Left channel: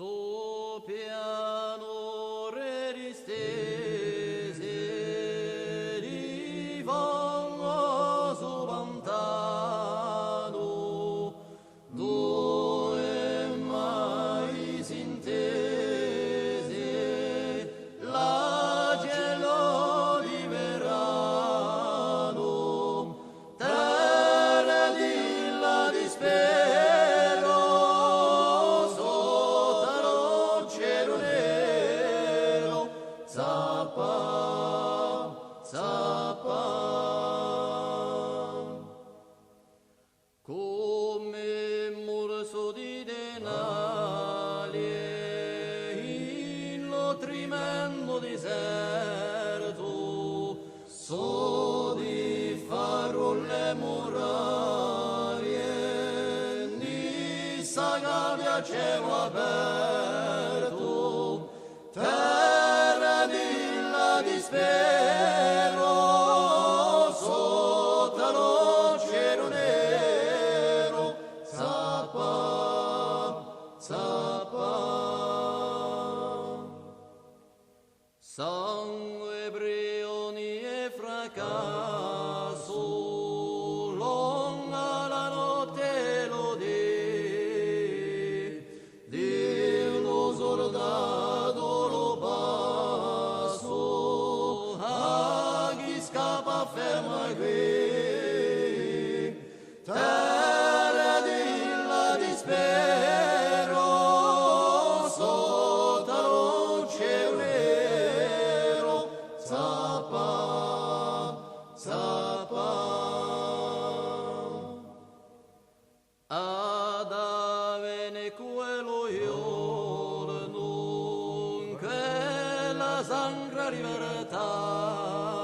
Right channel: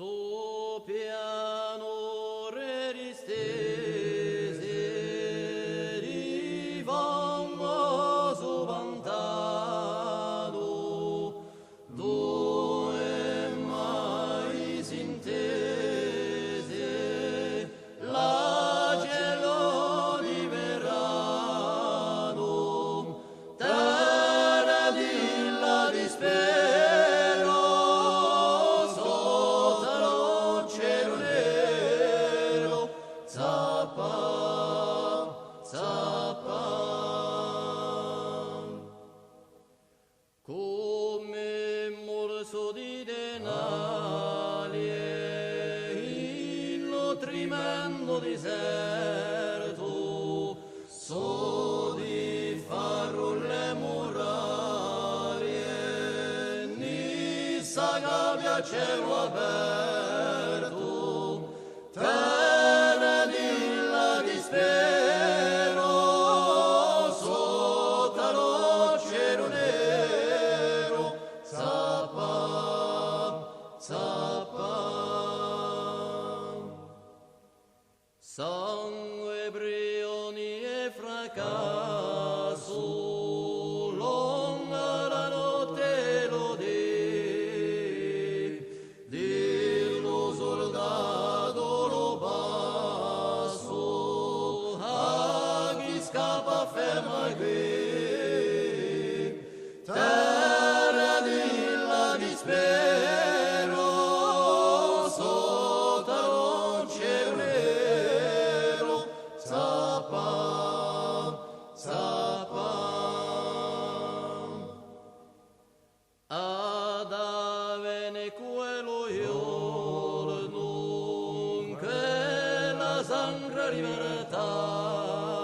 Su pianure distese di fangoso pantano, dove mai si intese la gelo di verano, terra di la dispero. Zappa, zappa, come morso di denali in lo tremendo deserto, so di farro le murarie, ni sa gabbia a cielo aperto. Dispero sotto lo cielo nero, zappa, zappa. Sangue, brioni e fracasso, lunga la notte lo dello soldato lo scappa ferma qui, terra di la dispero, sotto lo cielo nero, zappa, zappa. Ad avene quello giorno che la sacra libertà